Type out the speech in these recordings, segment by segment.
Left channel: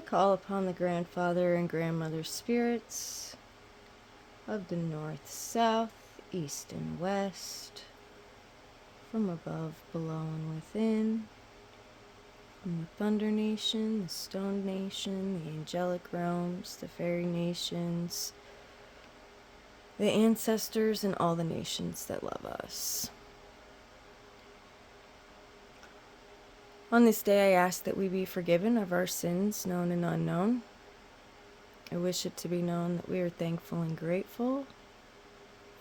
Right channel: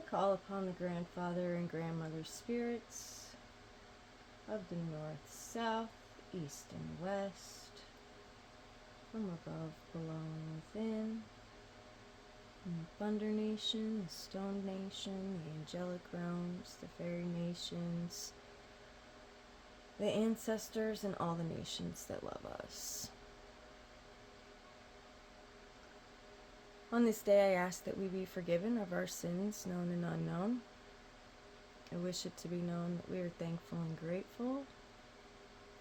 I call upon the grandfather and grandmother spirits of the north, south, east, and west, from above, below, and within, from the Thunder Nation, the Stone Nation, the Angelic Realms, the Fairy Nations, the ancestors, and all the nations that love us. On this day, I ask that we be forgiven of our sins, known and unknown. I wish it to be known that we are thankful and grateful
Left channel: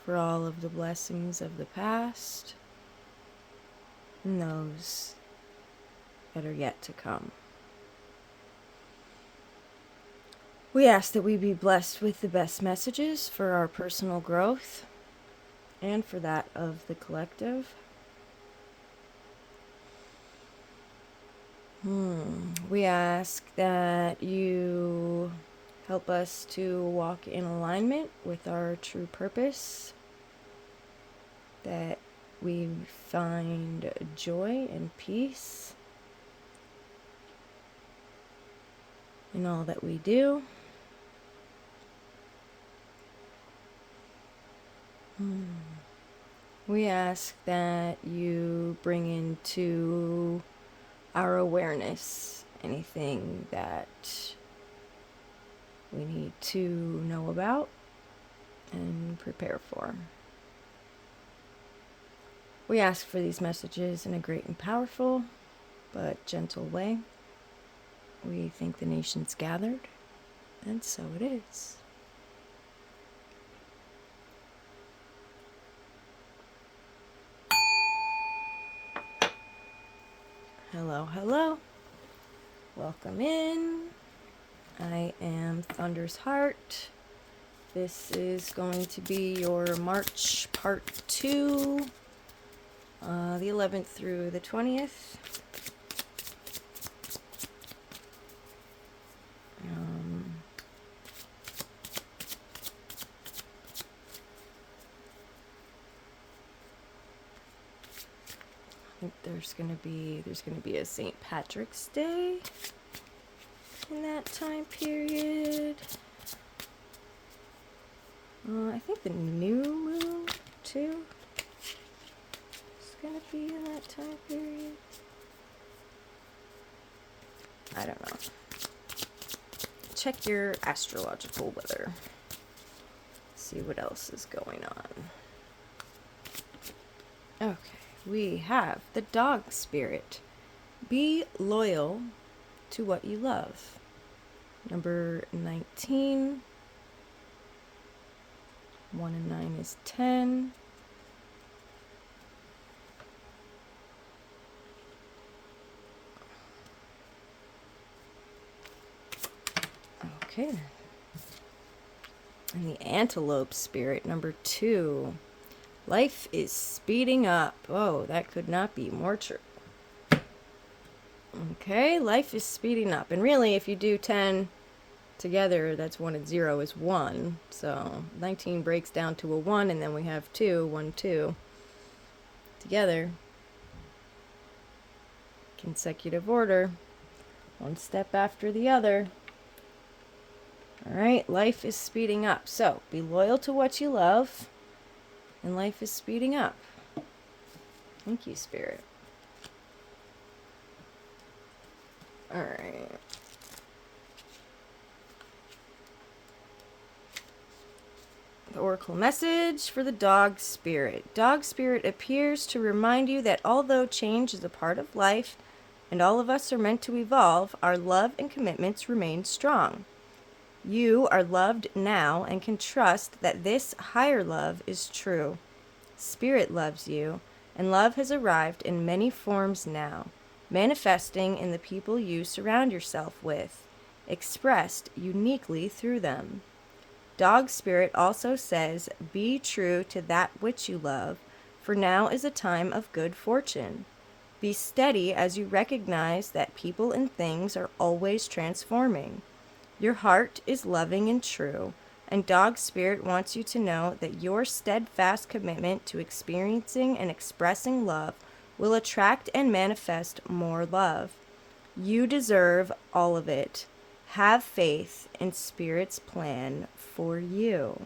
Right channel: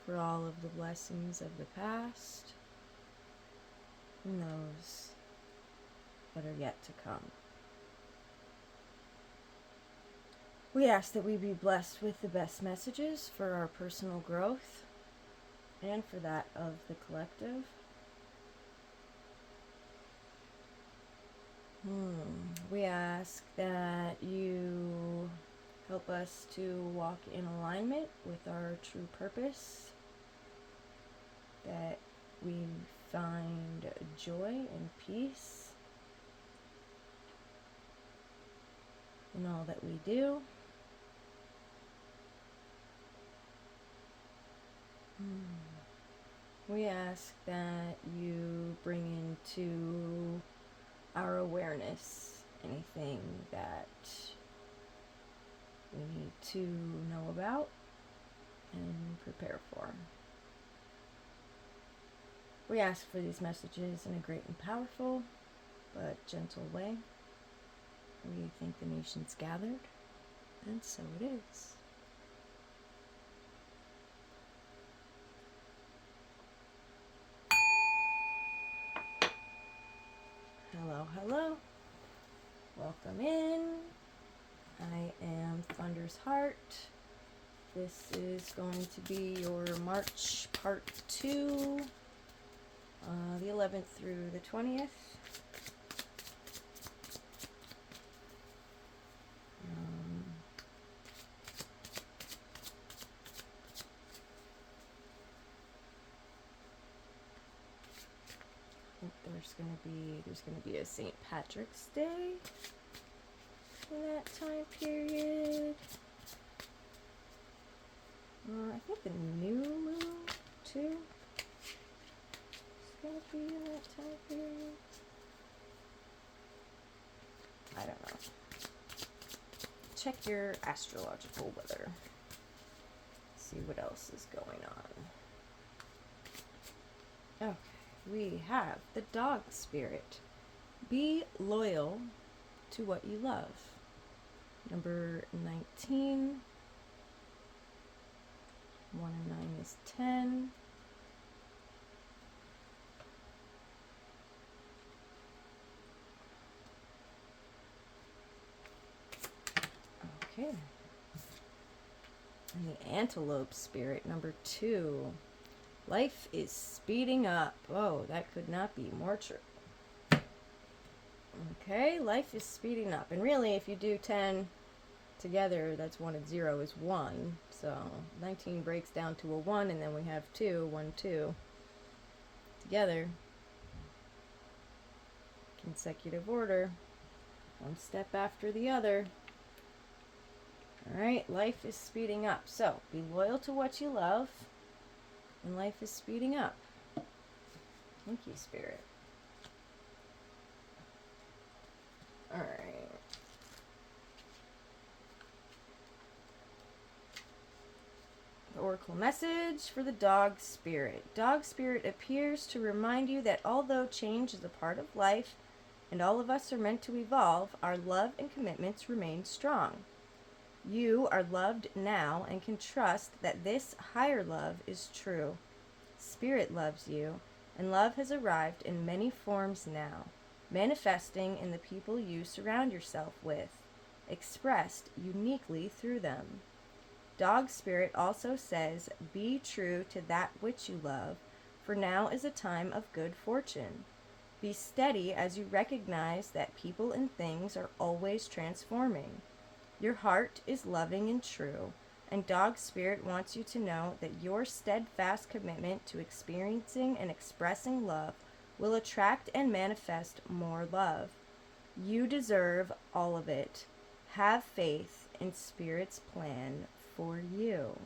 for all of the blessings of the past and those that are yet to come. We ask that we be blessed with the best messages for our personal growth and for that of the collective. We ask that you help us to walk in alignment with our true purpose, that we find joy and peace in all that we do. We ask that you bring into our awareness anything that we need to know about and prepare for. We ask for these messages in a great and powerful but gentle way. We thank the nations gathered, and so it is. Hello, hello. Welcome in. I am Thunder's Heart. This is going to be your March part 2, the 11th through the 20th. I think there's gonna be a St. Patrick's Day in that time period. I think the new moon too is gonna be in that time period. I don't know. Check your astrological weather. See what else is going on. Okay. We have the dog spirit. Be loyal to what you love. Number 19. 1 and 9 is 10. Okay. And the antelope spirit, number 2. Life is speeding up. Oh, that could not be more true. Okay, life is speeding up. And really, if you do 10 together, that's 1 and 0 is 1. So 19 breaks down to a 1, and then we have 2, 1, 2. Together. Consecutive order. One step after the other. Alright, life is speeding up. So, be loyal to what you love. And life is speeding up. Thank you, Spirit. All right. The Oracle message for the Dog Spirit. Dog Spirit appears to remind you that although change is a part of life and all of us are meant to evolve, our love and commitments remain strong. You are loved now and can trust that this higher love is true. Spirit loves you, and love has arrived in many forms now, manifesting in the people you surround yourself with, expressed uniquely through them. Dog Spirit also says, be true to that which you love, for now is a time of good fortune. Be steady as you recognize that people and things are always transforming. Your heart is loving and true, and Dog Spirit wants you to know that your steadfast commitment to experiencing and expressing love will attract and manifest more love. You deserve all of it. Have faith in Spirit's plan for you.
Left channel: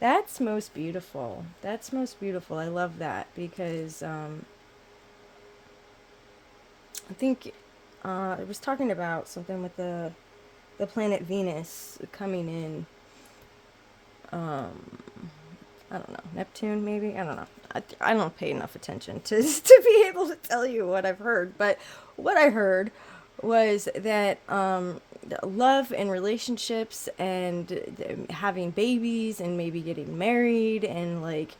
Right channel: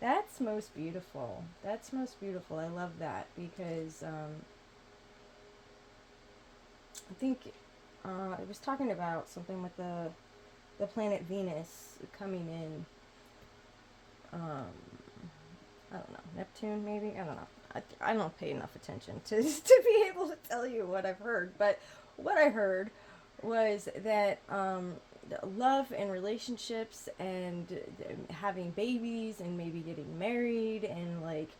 That's most beautiful. That's most beautiful. I love that because I think I was talking about something with the planet Venus coming in. I don't know, Neptune maybe. I don't know. I don't pay enough attention to to be able to tell you what I've heard. But what I heard was that love and relationships and having babies and maybe getting married and like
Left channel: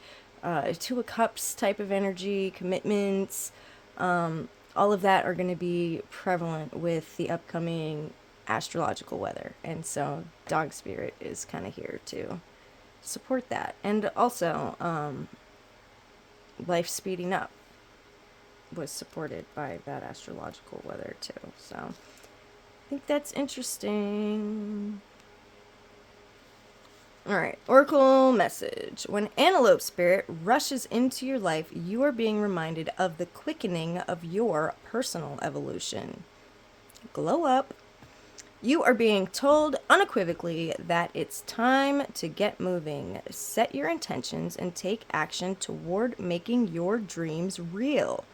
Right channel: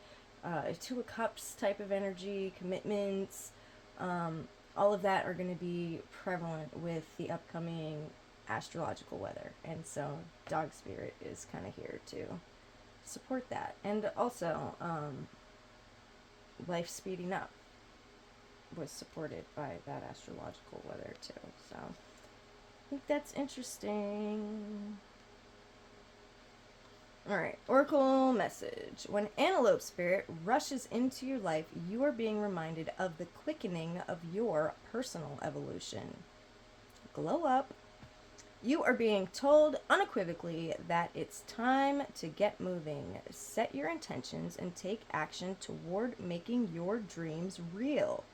Two of Cups type of energy, commitments, all of that are going to be prevalent with the upcoming astrological weather. And so dog spirit is kind of here to support that. And also life speeding up was supported by that astrological weather too. So I think that's interesting. All right, Oracle message. When Antelope Spirit rushes into your life, you are being reminded of the quickening of your personal evolution. Glow up. You are being told unequivocally that it's time to get moving. Set your intentions and take action toward making your dreams real.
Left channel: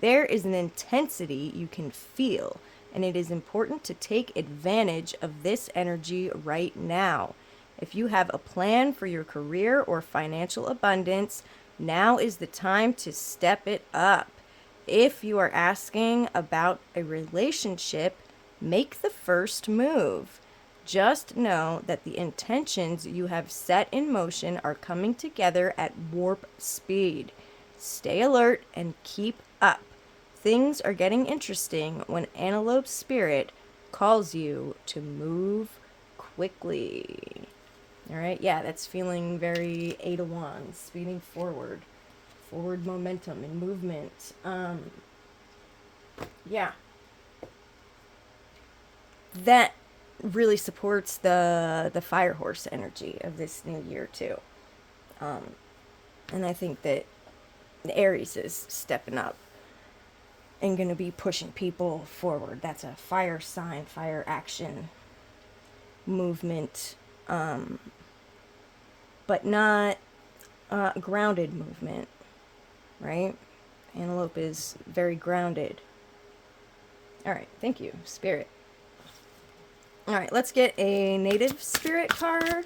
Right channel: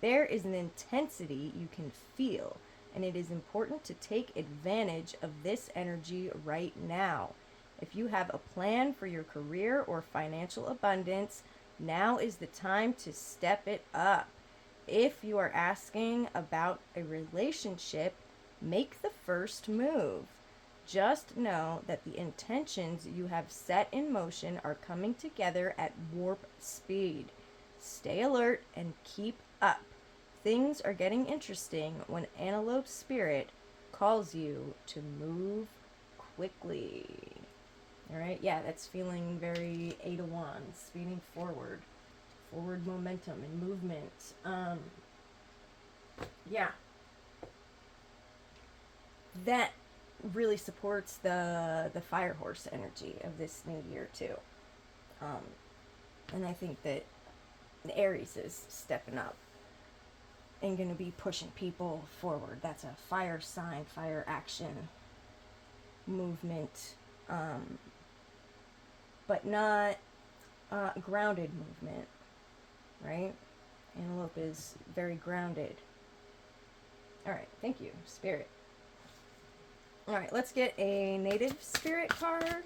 There is an intensity you can feel, and it is important to take advantage of this energy right now. If you have a plan for your career or financial abundance, now is the time to step it up. If you are asking about a relationship, make the first move. Just know that the intentions you have set in motion are coming together at warp speed. Stay alert and keep up. Things are getting interesting when Antelope Spirit calls you to move quickly. All right, yeah, that's feeling very Eight of Wands, speeding forward, forward momentum and movement. Yeah, that really supports the fire horse energy of this new year too. And I think that the Aries is stepping up and going to be pushing people forward. That's a fire sign, fire action movement, but not grounded movement, right? Antelope is very grounded. All right, thank you, Spirit. All right, let's get a native spirit card.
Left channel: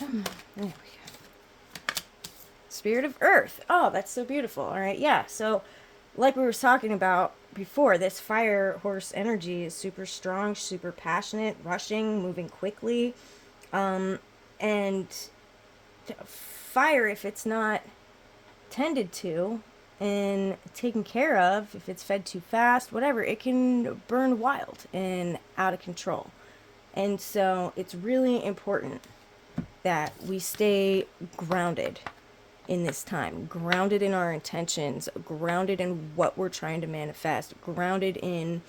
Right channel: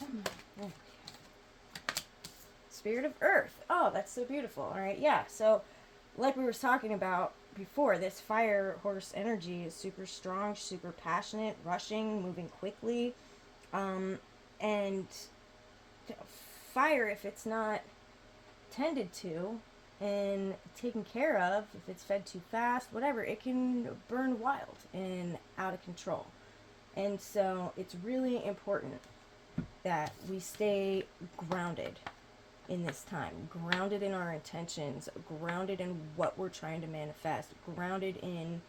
There we go. Spirit of Earth. Oh, that's so beautiful. All right, yeah. So, like we were talking about before, this fire horse energy is super strong, super passionate, rushing, moving quickly. And fire, if it's not tended to and taken care of, if it's fed too fast, whatever, it can burn wild and out of control. And so it's really important that we stay grounded in this time, grounded in our intentions, grounded in what we're trying to manifest, grounded in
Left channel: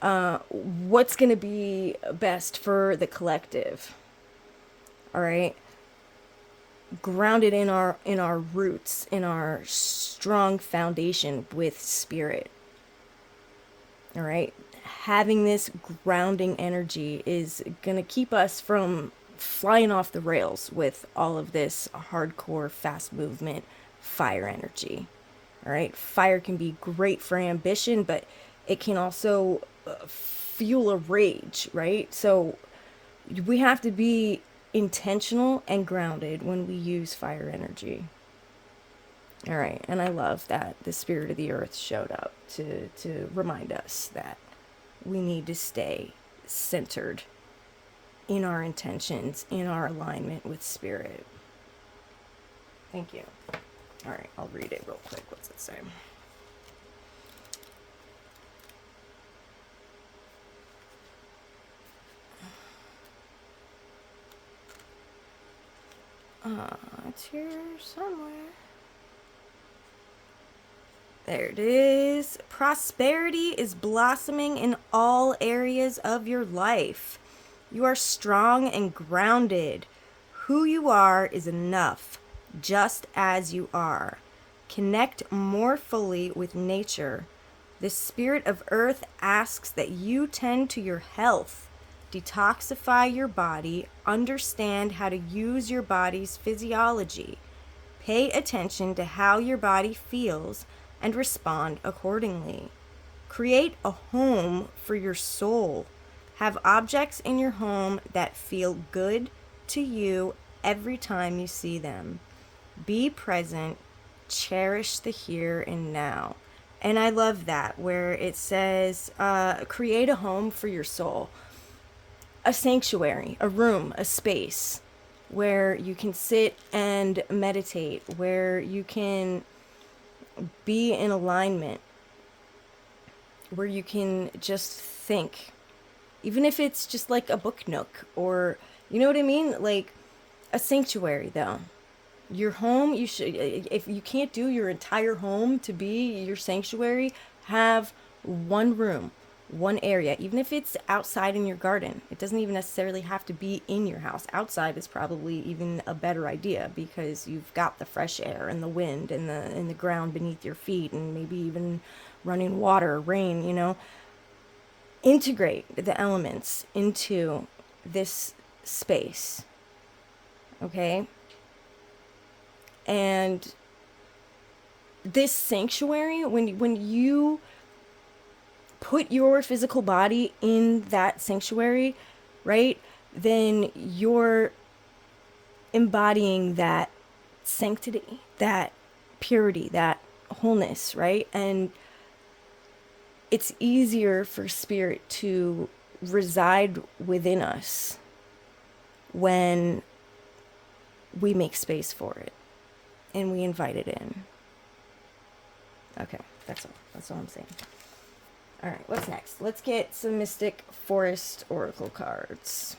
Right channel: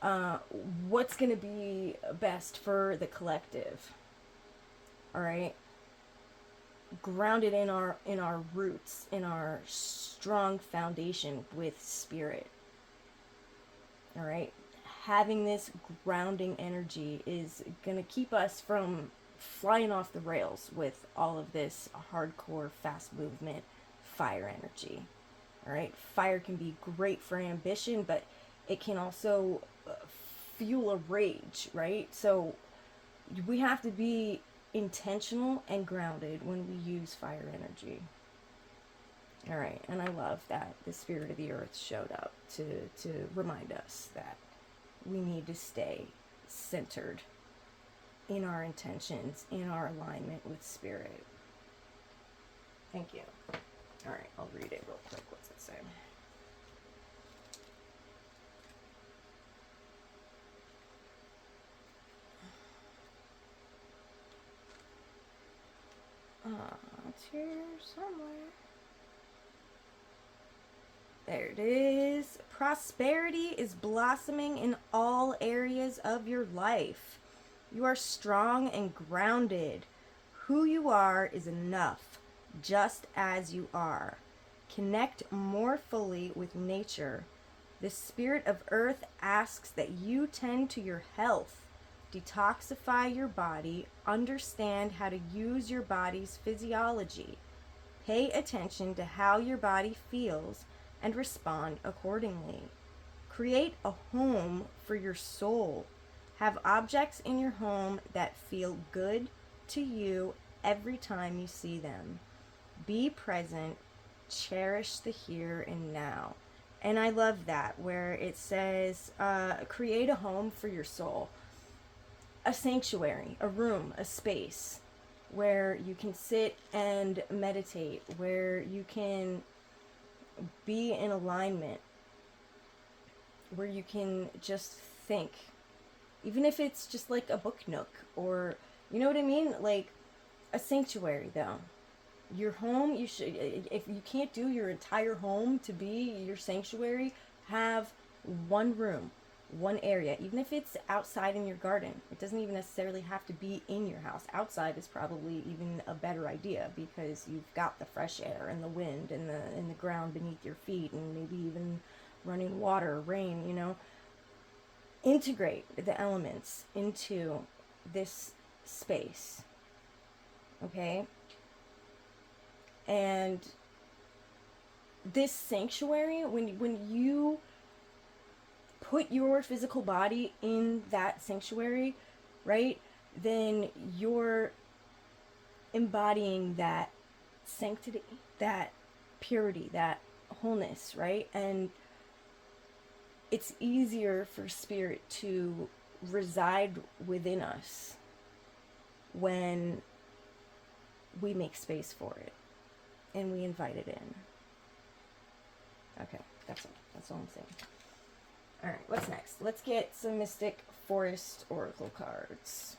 what's going to be best for the collective. All right, grounded in our roots, in our strong foundation with spirit. All right, having this grounding energy is going to keep us from flying off the rails with all of this hardcore fast movement fire energy. All right, fire can be great for ambition, but it can also fuel a rage, right? So we have to be intentional and grounded when we use fire energy. All right, and I love that the spirit of the earth showed up to remind us that we need to stay centered in our intentions, in our alignment with spirit. Thank you. All right, I'll read it real quick. What's it say? It's here somewhere. There it is. Prosperity is blossoming in all areas of your life. You are strong and grounded. Who you are is enough, just as you are. Connect more fully with nature. The spirit of earth asks that you tend to your health, detoxify your body, understand how to use your body's physiology. Pay attention to how your body feels and respond accordingly. Create a home for your soul. Have objects in your home that feel good to you every time you see them. Be present. Cherish the here and now. And I love that, where it says, create a home for your soul. A sanctuary, a room, a space where you can sit and meditate, where you can be in alignment, where you can just think, even if it's just like a book nook, or you know what I mean, like a sanctuary. Though your home, you should, if you can't do your entire home to be your sanctuary, have one room, one area, even if it's outside in your garden. It doesn't even necessarily have to be in your house. Outside is probably even a better idea, because you've got the fresh air and the wind and the ground beneath your feet, and maybe even running water, rain, you know. Integrate the elements into this space. Okay? And this sanctuary, when you put your physical body in that sanctuary, right, then you're embodying that sanctity, that purity, that wholeness, right? And it's easier for spirit to reside within us when we make space for it and we invite it in. Okay, that's all I'm saying. All right, what's next? Let's get some Mystic Forest Oracle cards.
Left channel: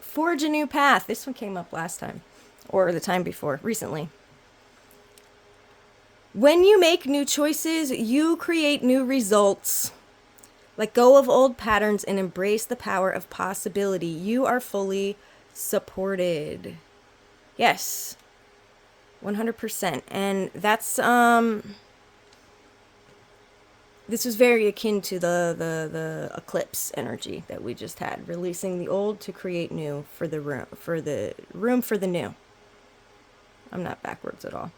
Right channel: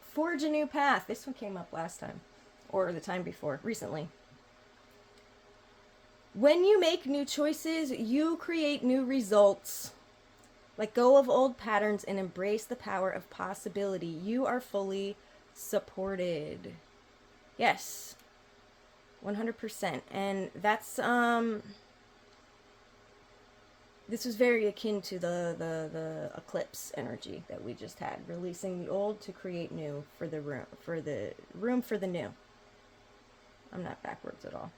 Forge a new path. This one came up last time, or the time before, recently. When you make new choices, you create new results. Let go of old patterns and embrace the power of possibility. You are fully supported. Yes, 100%. And that's this was very akin to the eclipse energy that we just had, releasing the old to create new for the room for the new. I'm not backwards at all.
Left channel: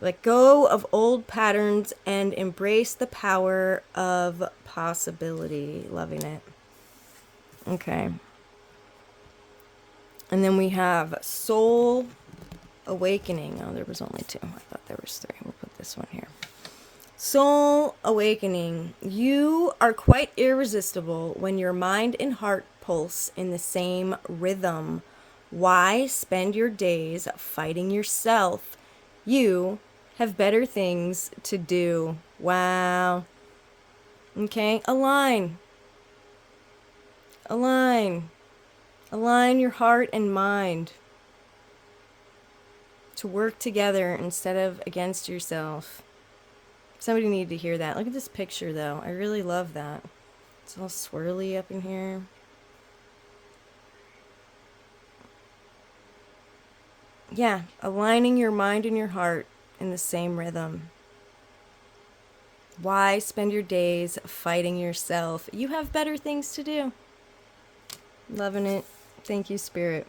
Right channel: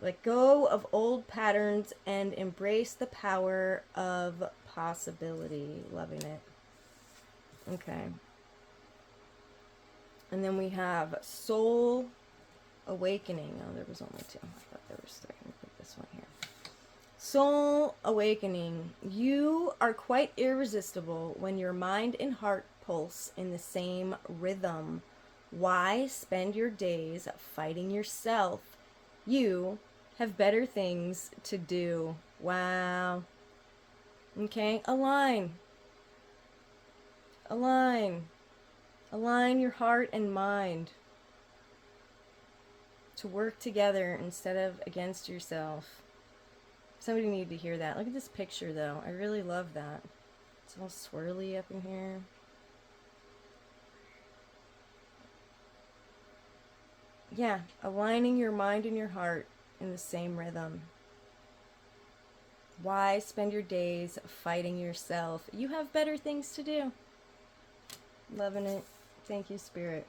Let go of old patterns and embrace the power of possibility. Loving it. Okay. And then we have Soul Awakening. Oh, there was only two. I thought there was three. We'll put this one here. Soul Awakening. You are quite irresistible when your mind and heart pulse in the same rhythm. Why spend your days fighting yourself? You have better things to do. Wow. Okay, align. Align your heart and mind to work together instead of against yourself. Somebody needed to hear that. Look at this picture, though. I really love that. It's all swirly up in here. Yeah, aligning your mind and your heart in the same rhythm. Why spend your days fighting yourself? You have better things to do. Loving it. Thank you, Spirit.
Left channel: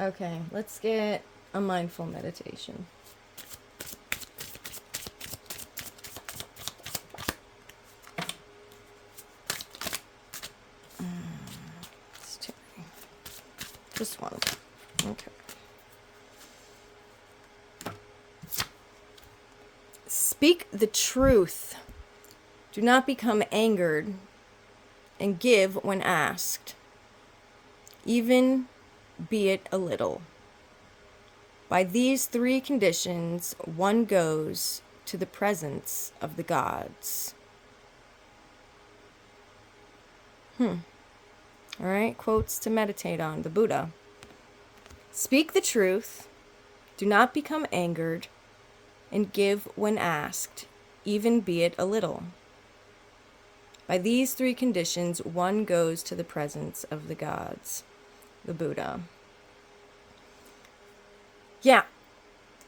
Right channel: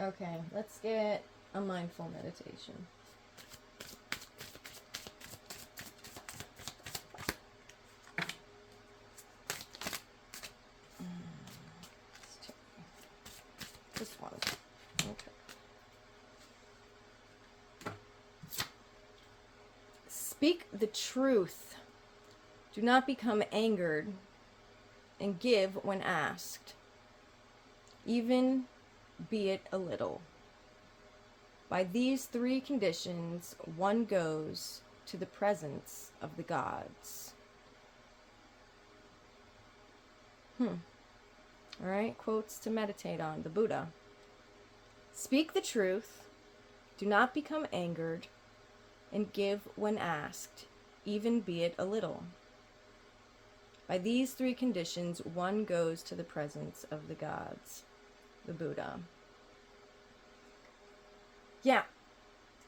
Okay, let's get a mindful meditation. It's too many. Just one. Okay. Speak the truth. Do not become angered, and give when asked, even be it a little. By these three conditions, one goes to the presence of the gods. All right, quotes to meditate on. The Buddha. Speak the truth, do not become angered, and give when asked, even be it a little. By these three conditions, one goes to the presence of the gods. The Buddha. Yeah,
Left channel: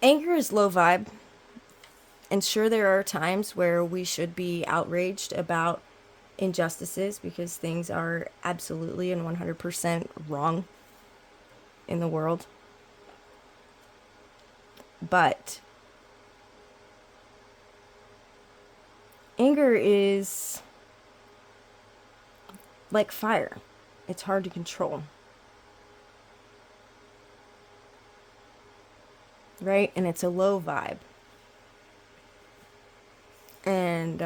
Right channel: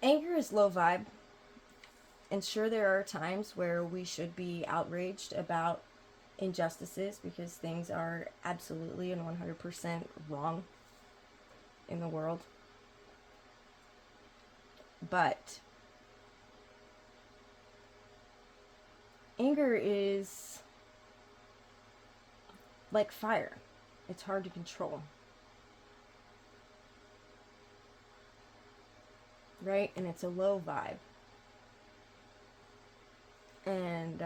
anger is low vibe. And sure, there are times where we should be outraged about injustices because things are absolutely and 100% wrong in the world. But anger is like fire. It's hard to control. Right? And it's a low vibe. And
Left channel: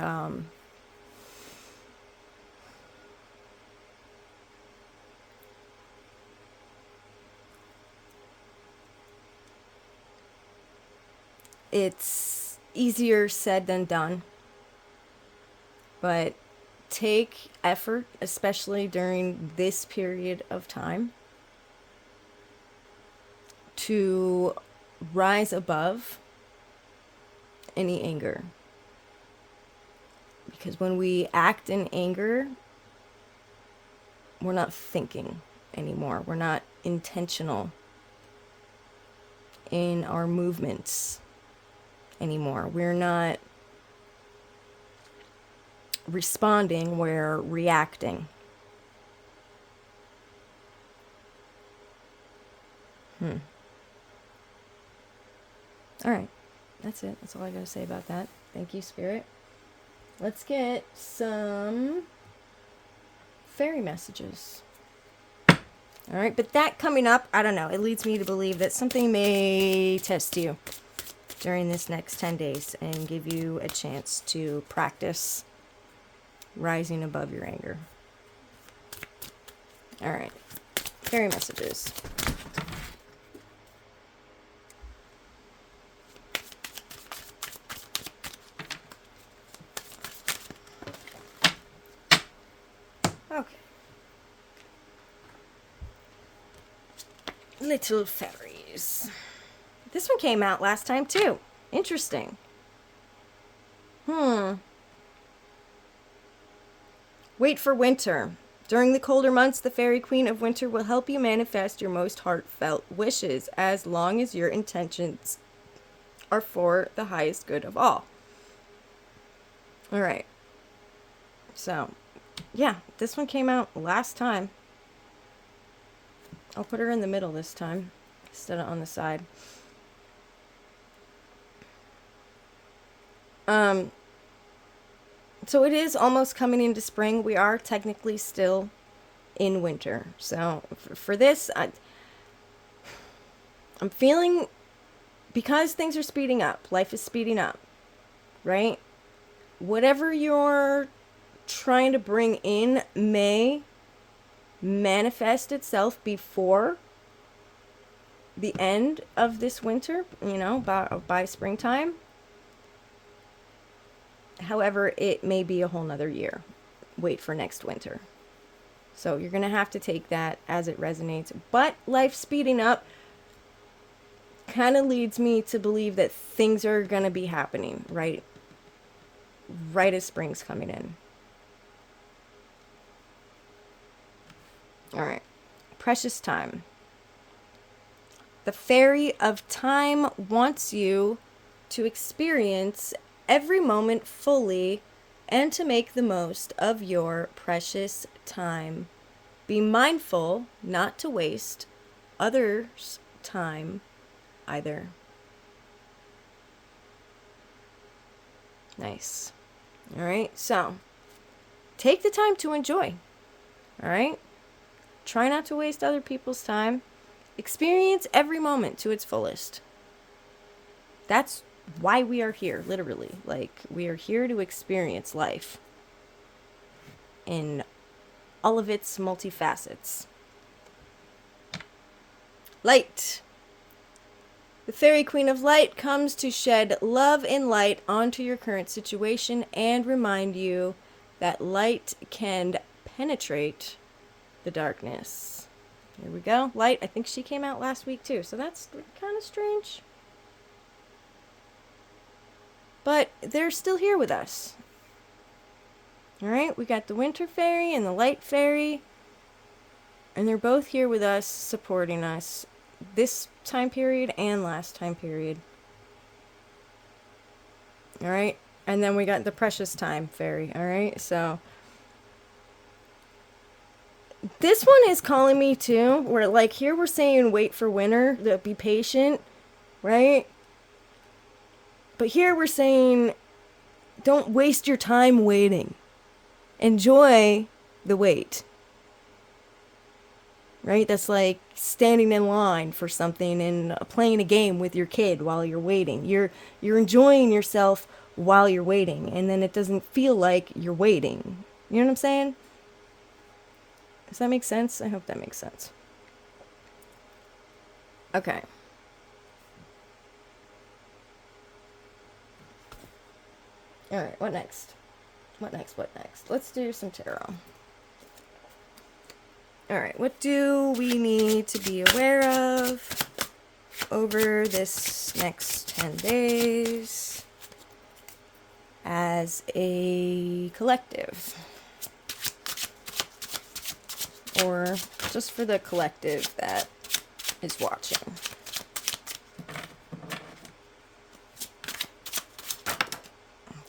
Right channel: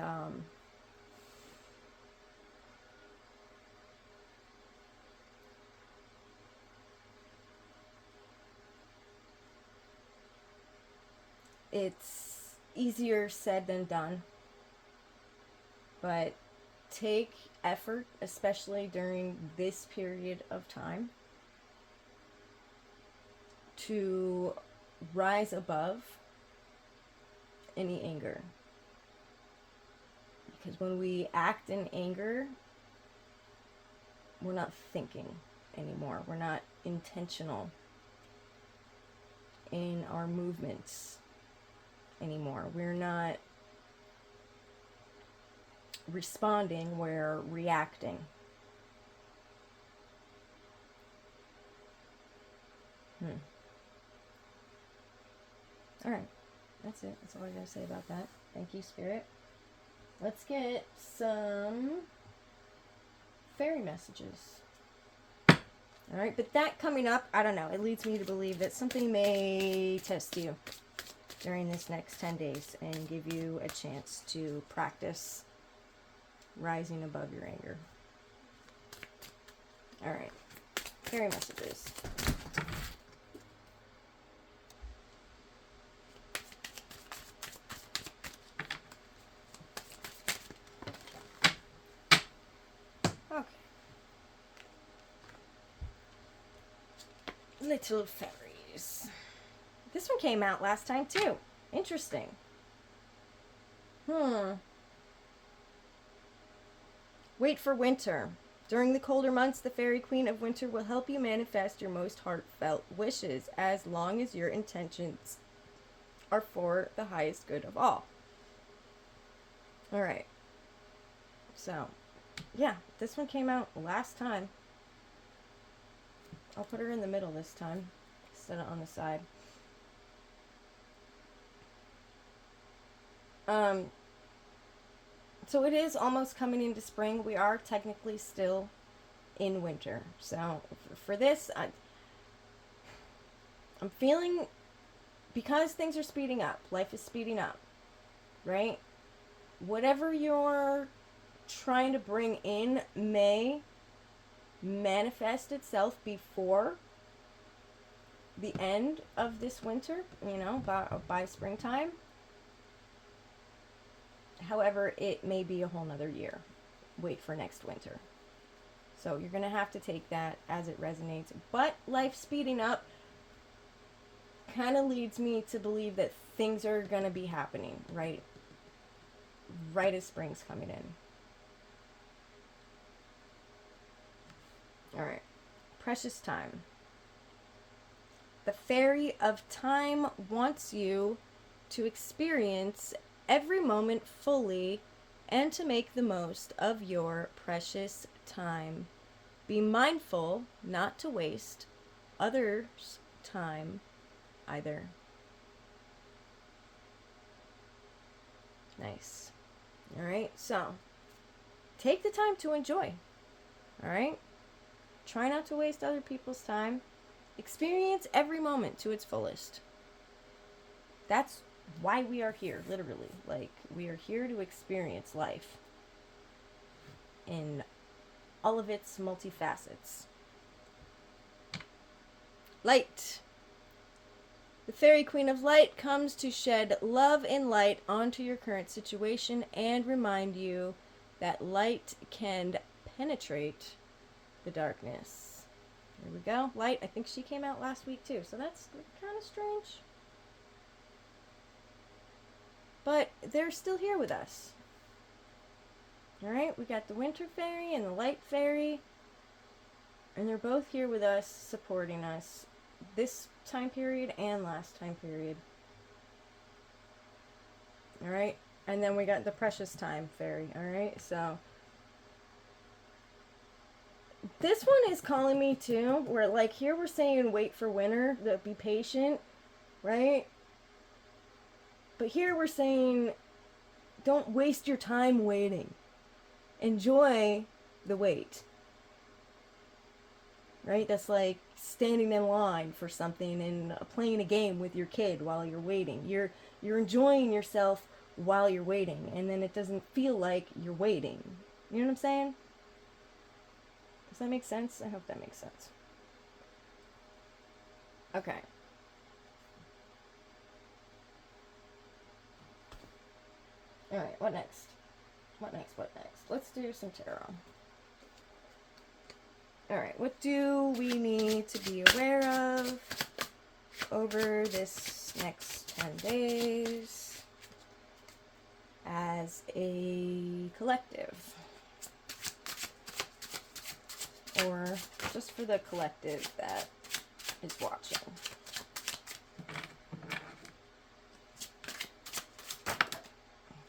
it's easier said than done. But take effort, especially during this period of time, to rise above any anger. Because when we act in anger, we're not thinking anymore. We're not intentional in our movements anymore. We're not responding, we're reacting. All right, that's it. That's all I gotta say about that. Thank you, Spirit. Let's get some fairy messages. All right, but that coming up, I don't know. It leads me to believe that something may test you during this next 10 days and give you a chance to practice rising above your anger. All right, fairy messages. Okay. Little fairies. This one came out last time too. Interesting. Wait for winter. During the colder months, the Fairy Queen of Winter will help you manifest your most heartfelt wishes as long as your intentions are for the highest good of all. All right. So, yeah, this one came out last time. I'll put her in the middle this time instead of on the side. So it is almost coming into spring. We are technically still in winter. So for this, I'm feeling, because things are speeding up, life is speeding up, right? Whatever you're trying to bring in may manifest itself before the end of this winter, by springtime. However, it may be a whole nother year. Wait for next winter. So you're going to have to take that as it resonates. But life speeding up kind of leads me to believe that things are going to be happening right as spring's coming in. All right. Precious time. The Fairy of Time wants you to experience every moment fully and to make the most of your precious time. Be mindful not to waste others' time either. Nice. All right, so take the time to enjoy. All right? Try not to waste other people's time. Experience every moment to its fullest. That's why we are here, literally. Like, we are here to experience life in all of its multifacets. Light. The The Fairy Queen of Light comes to shed love and light onto your current situation and remind you that light can penetrate the darkness. Here we go. Light, I think she came out last week too, so that's kind of strange. But they're still here with us. Alright, we got the Winter Fairy and the Light Fairy. And they're both here with us, supporting us this time period and last time period. Alright, and then we got the Precious Time Fairy. Alright, so this one is calling me too. Where like here we're saying wait for winter, be patient, right? But here we're saying don't waste your time waiting. Enjoy the wait. Right? That's like standing in line for something and playing a game with your kid while you're waiting. You're enjoying yourself while you're waiting, and then it doesn't feel like you're waiting. You know what I'm saying? Does that make sense? I hope that makes sense. Okay. All right, what next? What next? Let's do some tarot. All right, what do we need to be aware of over this next 10 days as a collective? Or just for the collective that is watching.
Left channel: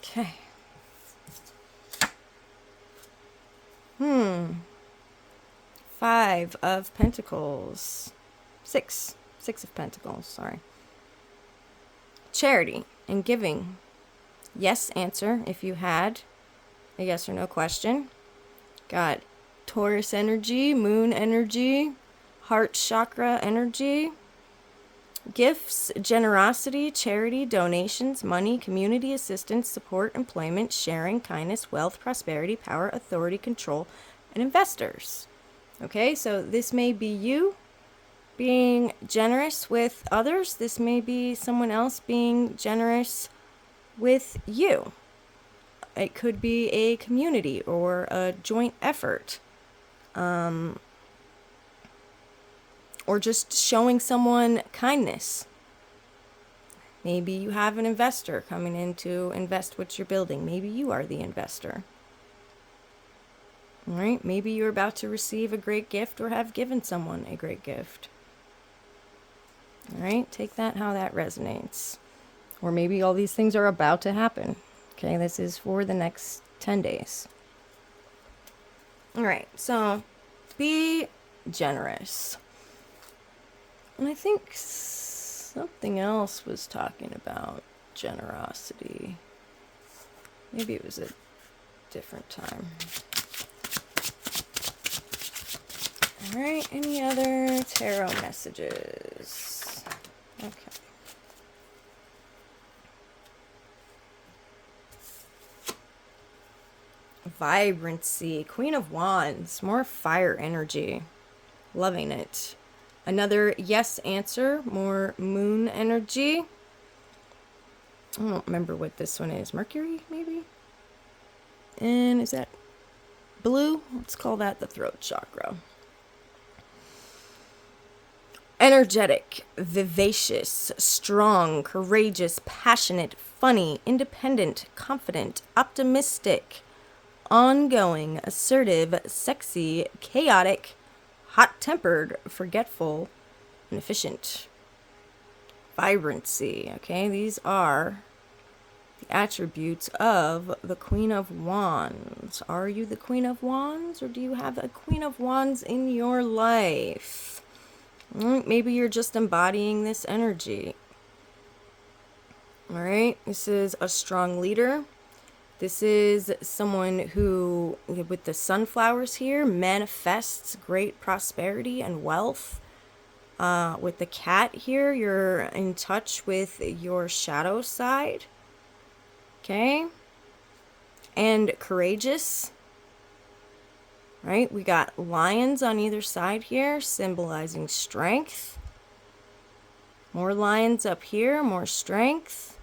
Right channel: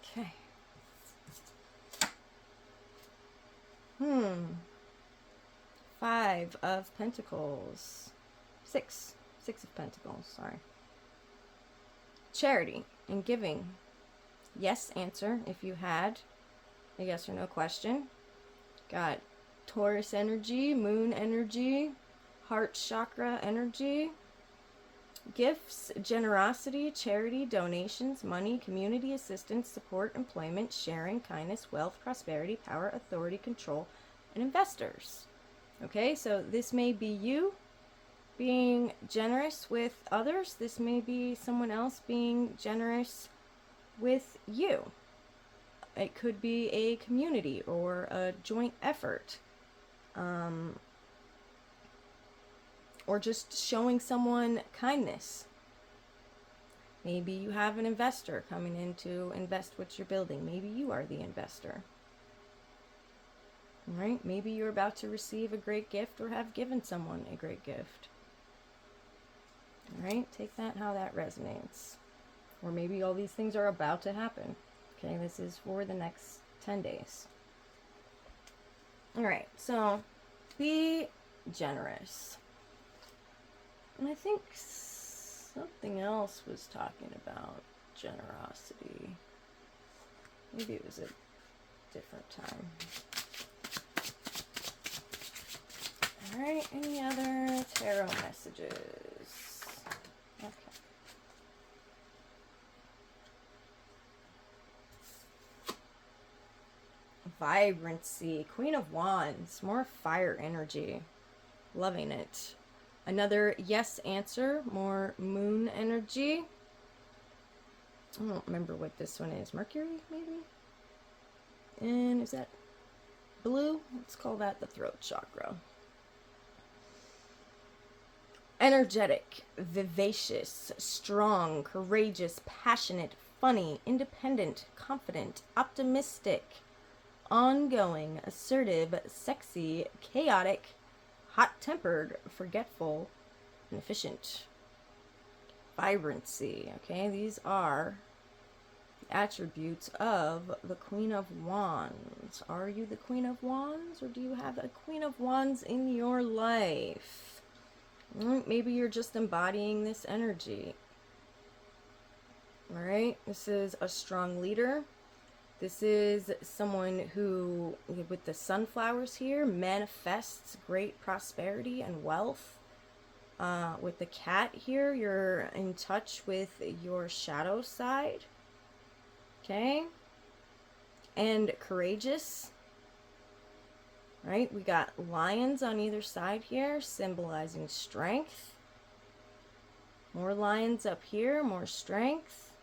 Okay. Five of Pentacles. Six of Pentacles, sorry. Charity and giving. Yes answer if you had a yes or no question. Got Taurus energy, moon energy, heart chakra energy. Gifts, generosity, charity, donations, money, community assistance, support, employment, sharing, kindness, wealth, prosperity, power, authority, control, and investors. Okay, so this may be you being generous with others. This may be someone else being generous with you. It could be a community or a joint effort. Or just showing someone kindness. Maybe you have an investor coming in to invest what you're building. Maybe you are the investor. All right? Maybe you're about to receive a great gift or have given someone a great gift. All right? Take that how that resonates. Or maybe all these things are about to happen. Okay? This is for the next 10 days. All right. So be generous. And I think something else was talking about generosity. Maybe it was a different time. All right, any other tarot messages? Okay. Vibrancy, Queen of Wands, more fire energy. Loving it. Another yes answer, more moon energy. I don't remember what this one is. Mercury, maybe? And is that blue? Let's call that the throat chakra. Energetic, vivacious, strong, courageous, passionate, funny, independent, confident, optimistic, ongoing, assertive, sexy, chaotic, hot-tempered, forgetful, and efficient. Vibrancy, okay? These are the attributes of the Queen of Wands. Are you the Queen of Wands, or do you have a Queen of Wands in your life? Maybe you're just embodying this energy. All right? This is a strong leader. This is someone who, with the sunflowers here, manifests great prosperity and wealth. With the cat here, you're in touch with your shadow side. Okay? And courageous. Right? We got lions on either side here, symbolizing strength. More lions up here, more strength.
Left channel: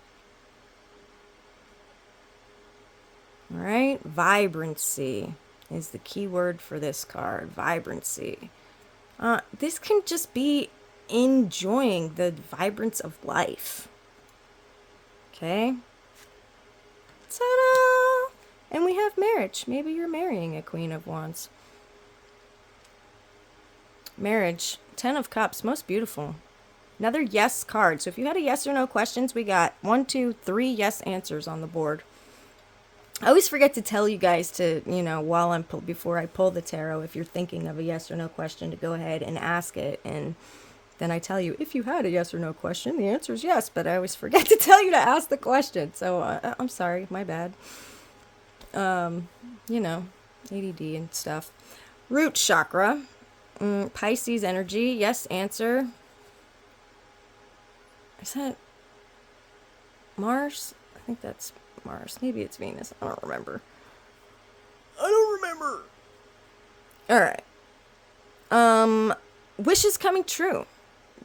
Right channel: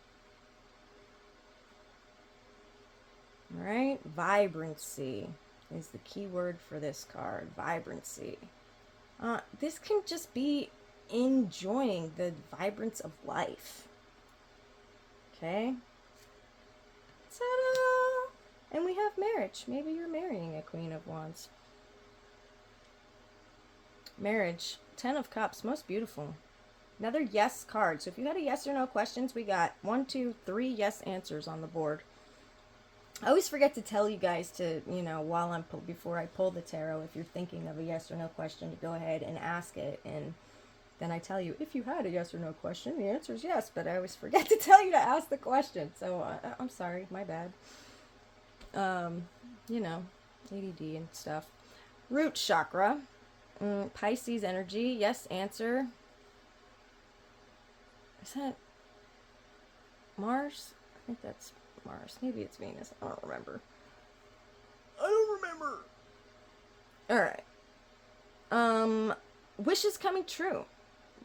All right, vibrancy is the key word for this card, vibrancy. This can just be enjoying the vibrance of life. Okay? Ta-da! And we have marriage. Maybe you're marrying a Queen of Wands. Marriage. 10 of Cups. Most beautiful. Another yes card. So if you had a yes or no questions, we got 1, 2, 3 yes answers on the board. I always forget to tell you guys to, before I pull the tarot, if you're thinking of a yes or no question, to go ahead and ask it. And then I tell you, if you had a yes or no question, the answer is yes. But I always forget to tell you to ask the question. So I'm sorry, my bad. ADD and stuff. Root chakra. Pisces energy. Yes, answer. Is that Mars? I think that's Mars. Maybe it's Venus. I don't remember. All right. Wishes coming true.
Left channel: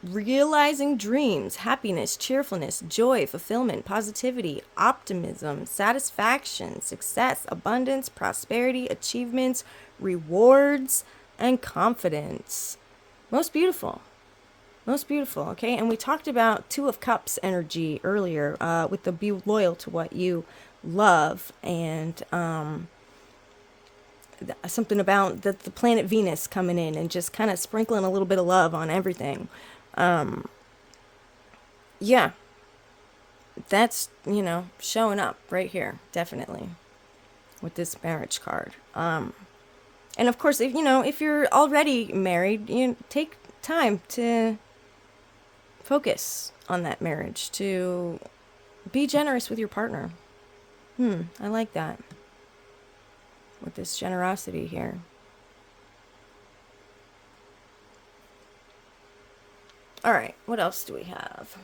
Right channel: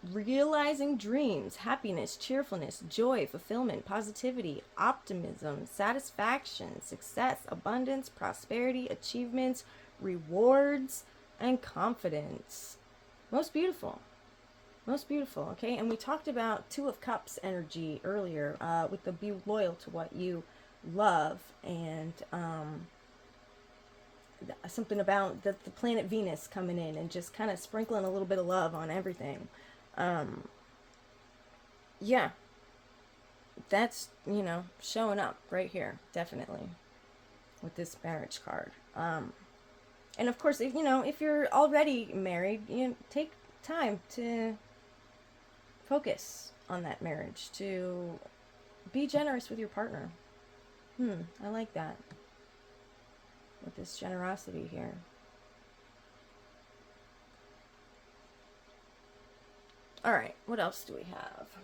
Realizing dreams, happiness, cheerfulness, joy, fulfillment, positivity, optimism, satisfaction, success, abundance, prosperity, achievements, rewards, and confidence. Most beautiful. Most beautiful, okay? And we talked about 2 of Cups energy earlier with the be loyal to what you love, and something about the planet Venus coming in and just kind of sprinkling a little bit of love on everything. Yeah, that's, showing up right here, definitely, with this marriage card. And of course, if you're already married, take time to focus on that marriage, to be generous with your partner. I like that. With this generosity here. All right, what else do we have?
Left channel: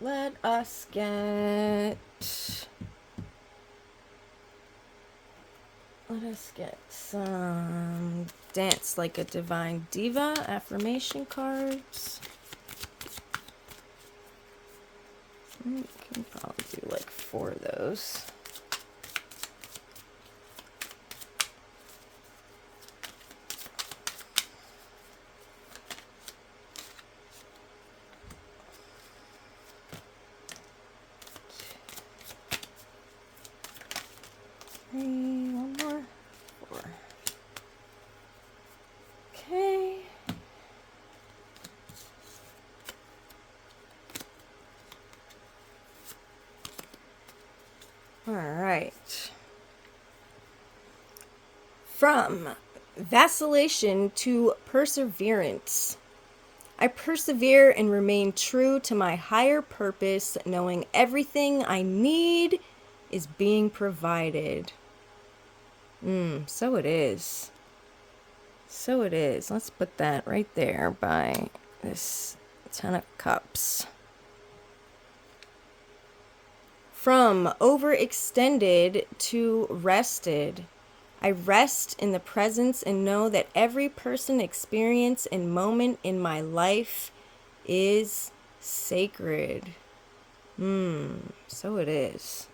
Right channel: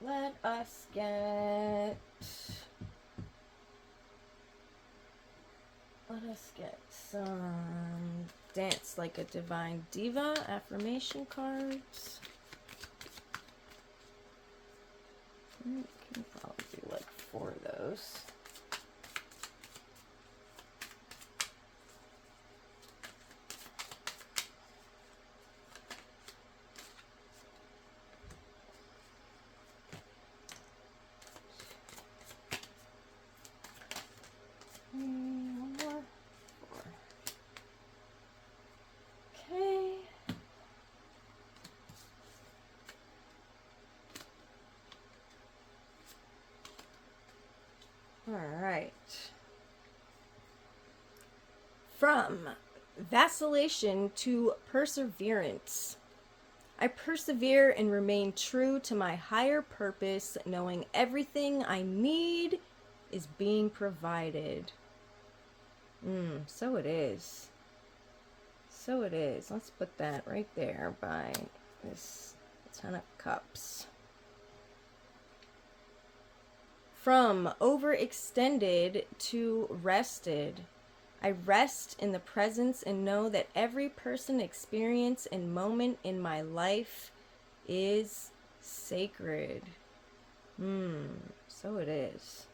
Let us get some Dance Like a Divine Diva affirmation cards. We can probably do like 4 of those. One more. 4. Okay. All right. From vacillation to perseverance. I persevere and remain true to my higher purpose, knowing everything I need is being provided. So it is. So it is. Let's put that right there by this 10 of Cups. From overextended to rested. I rest in the presence and know that every person, experience, and moment in my life is sacred. So it is.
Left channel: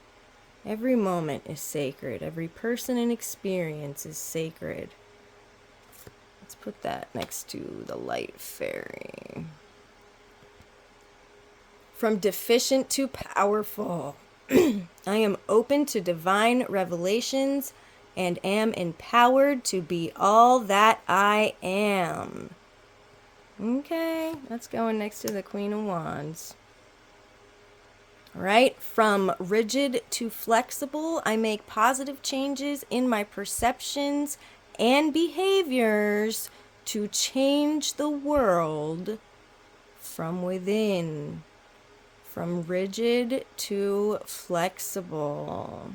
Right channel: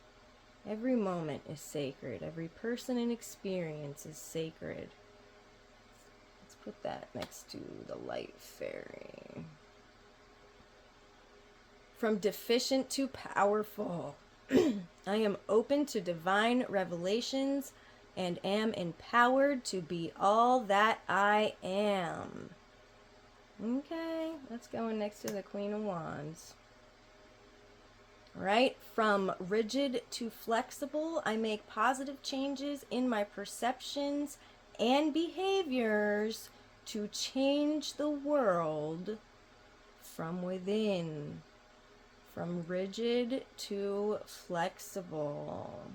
Every moment is sacred. Every person and experience is sacred. Let's put that next to the light fairy. From deficient to powerful. I am open to divine revelations and am empowered to be all that I am. Okay, that's going next to the Queen of Wands. All right, from rigid to flexible, I make positive changes in my perceptions and behaviors to change the world from within. From rigid to flexible.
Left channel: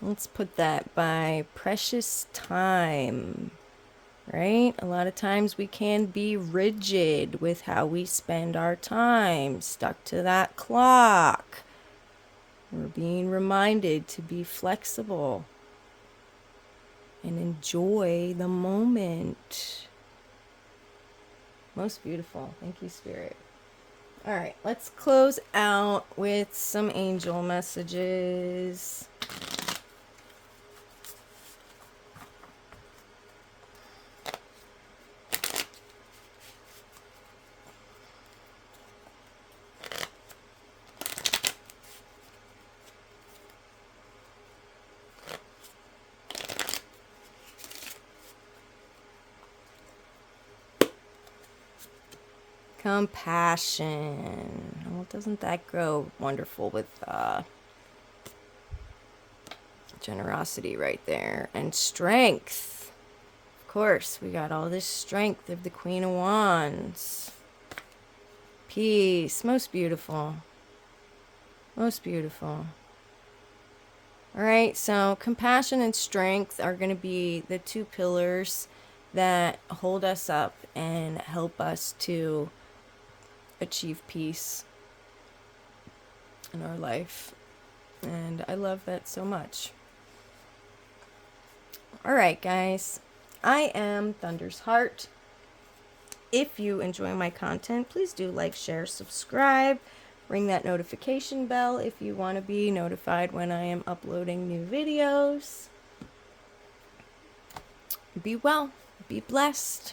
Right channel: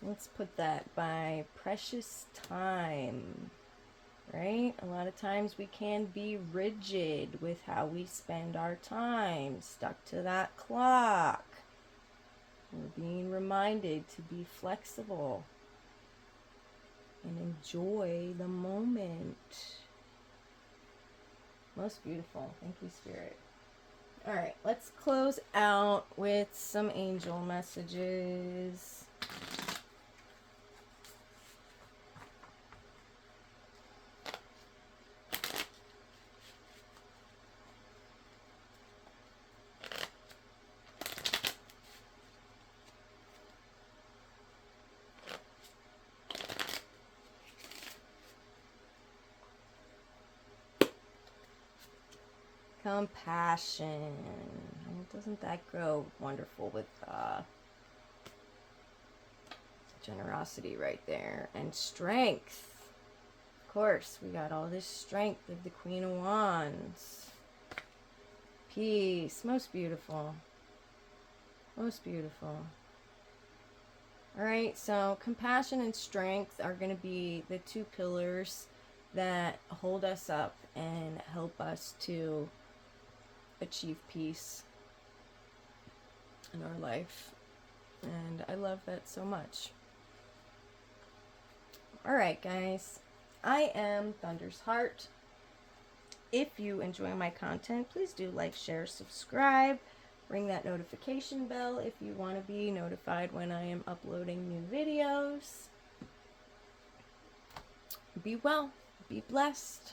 Let's put that by precious time, right? A lot of times we can be rigid with how we spend our time, stuck to that clock. We're being reminded to be flexible and enjoy the moment. Most beautiful. Thank you, Spirit. All right, let's close out with some angel messages. Compassion. Well, doesn't that go wonderful with generosity right there? And strength. Of course, we got all this strength of the Queen of Wands. Peace. Most beautiful. Most beautiful. All right, so compassion and strength are going to be the two pillars that hold us up and help us to achieve peace in our life. And I love that so much. All right, guys. I am Thunder's Heart. If you enjoy my content, please do like, share, subscribe. Ring that notification bell if you want to be notified when I am uploading new videos. Be well. Be blessed.